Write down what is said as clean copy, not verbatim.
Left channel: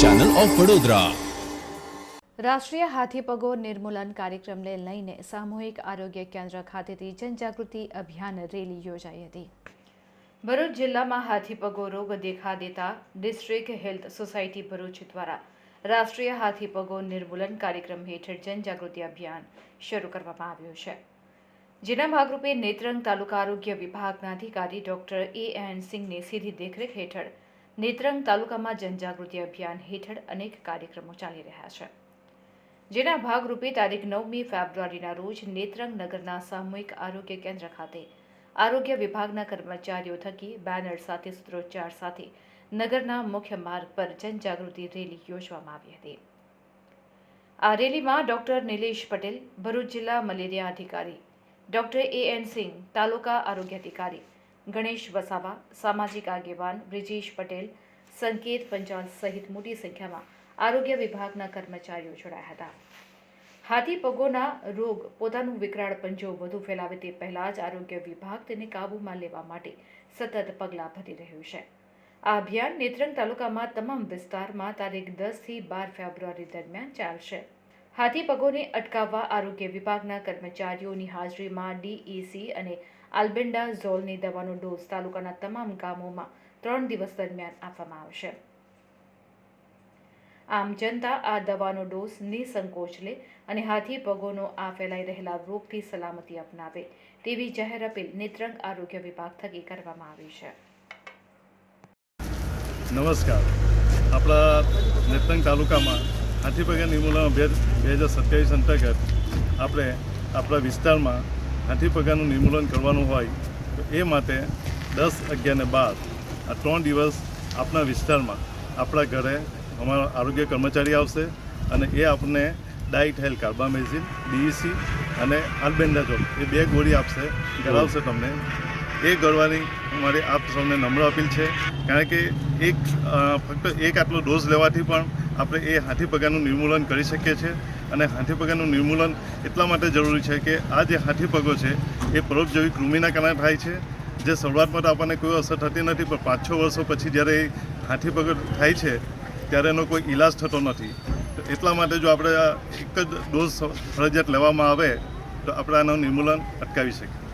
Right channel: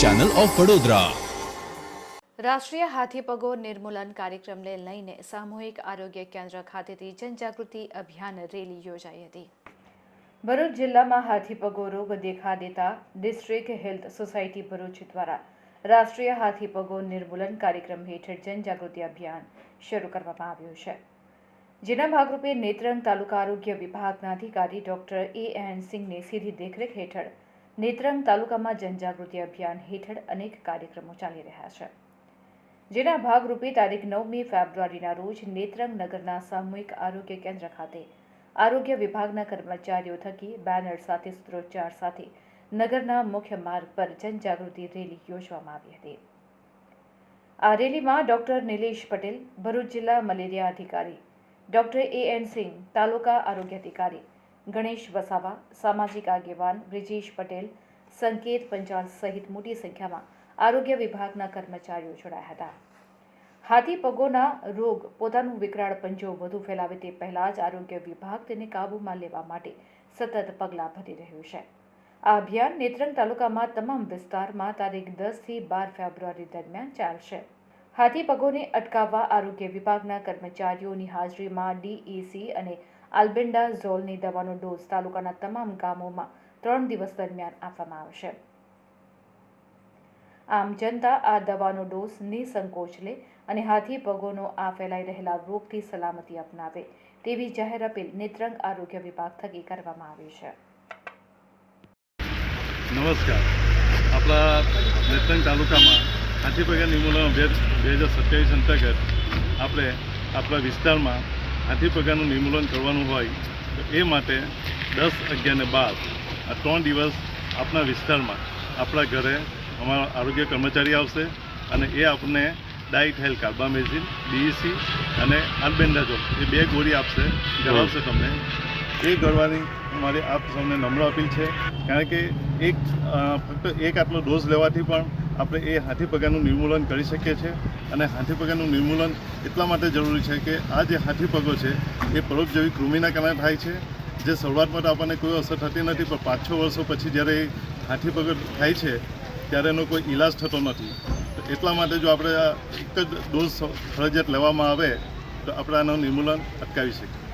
Channel of Vadodara. રાષ્ટ્રીય હાથીપગો નિર્મૂલન કાર્યક્રમને લઈને સામૂહિક આરોગ્ય કેન્દ્ર ખાતેથી જનજાગૃતિ અભિયાન રેલી યોજાઈ હતી। ભરૂચ જિલ્લામાં હાથીપગો રોગ દેખા દેતા ડિસ્ટ્રિક્ટ હેલ્થ સોસાયટી ભરૂચ દ્વારા રાષ્ટ્રીય હાથીપગો નિર્મૂલન કાર્યક્રમ હેઠળ જનજાગૃતિ અભિયાન શરૂ કરવામાં આવ્યું છે, જેના ભાગરૂપે નેત્રંગ તાલુકા આરોગ્ય વિભાગના અધિકારી ડોક્ટર A.N. સિંઘની સીધી દેખરેખ હેઠળ નેત્રંગ તાલુકામાં જનજાગૃતિ અભિયાન હેઠળ અનેક કાર્યક્રમો ચાલી રહ્યા છે, જેના ભાગરૂપે તારીખ 9મી ફેબ્રુઆરીના રોજ નેત્રંગ નગરના સામૂહિક આરોગ્ય કેન્દ્ર ખાતે આરોગ્ય વિભાગના કર્મચારીઓ થકી બેનર સાથે સૂત્રોચ્ચાર સાથે નગરના મુખ્ય માર્ગ પર જનજાગૃતિ રેલી યોજવામાં આવી હતી। આ રેલીમાં ડોક્ટર નિલેશ પટેલ, ભરૂચ જિલ્લા મલેરિયા અધિકારી ડોક્ટર A.N. સિંઘ, તાલુકા આરોગ્ય અધિકારી ગણેશ વસાવા, સામાજિક આગેવાન બ્રિજેશ પટેલ, સંકેત પંચાલ સહિત મોટી સંખ્યામાં આરોગ્ય વિભાગના કર્મચારીઓ જોડાયા હતા। હાથીપગોના રોગ પોતાનું વિકરાળ પંજો વધુ ફેલાવે તે પહેલા જ આરોગ્ય વિભાગ તેને કાબૂમાં લેવા માટે સતત પગલાં ભરી રહ્યું છે। આ અભિયાન નેત્રંગ તાલુકામાં તમામ વિસ્તારમાં તારીખ 10 થી 12 ફેબ્રુઆરી દરમિયાન ચાલશે। હાથીપગોને અટકાવવા આરોગ્ય વિભાગના કર્મચારીઓની હાજરીમાં DEC અને આલ્બેન્ડાઝોલની દવાનો ડોઝ તાલુકાના તમામ ગામોમાં 3 દિવસ દરમિયાન આપવામાં આવશે। આમ જનતા આ દવાનો ડોઝ નિસંકોચ લે અને હાથીપગોનો આ ફેલાઈ રહેલા રોગથી સલામતી અપનાવે તેવી જાહેર અપીલ નેત્રંગ આરોગ્ય વિભાગ થકી કરવામાં આવી છે। નમસ્કાર। આપણા નેત્રંગ તાલુકામાં હાથીપગા નિર્મૂલન અભિયાન 2027 અંતર્ગત આપણે આપણા વિસ્તારમાં હાથીપગાનું નિર્મૂલન કરવાનું હોય તો એ માટે 10, 11 ને 12 આ 3 દિવસ આપણા વિસ્તારમાં આપણા ઘરે અમારા આરોગ્ય કર્મચારી આવશે અને એ આપણને ડાઇટ કાર્બામેઝિન, DEC અને આલ્બેન્ડાઝોલ એ 2 ગોળી આપશે, ગળાવશે તમને। એ ગળવાની અમારી આપ સૌને નમ્ર અપીલ છે, કારણ કે ફક્ત એક આટલો ડોઝ લેવાથી પણ આપણે એ હાથીપગાનું નિર્મૂલન કરી શકીએ છીએ। અને હાથીપગાનું નિર્મૂલન એટલા માટે જરૂરી છે કે આ જે હાથીપગો છે એ પરોપજીવી કૃમિના કારણે થાય છે, જે શરૂઆતમાં તો આપણને કોઈ અસર થતી નથી, પણ 5-6 વર્ષો પછી જ્યારે હાથીપગો થાય છે ત્યારે એનો કોઈ ઈલાજ થતો નથી। તો એટલા માટે જો આપણે આ એક જ ડોઝ ફરજિયાત લેવામાં આવે તો આપણે આનું નિર્મૂલન અટકાવી શકીએ।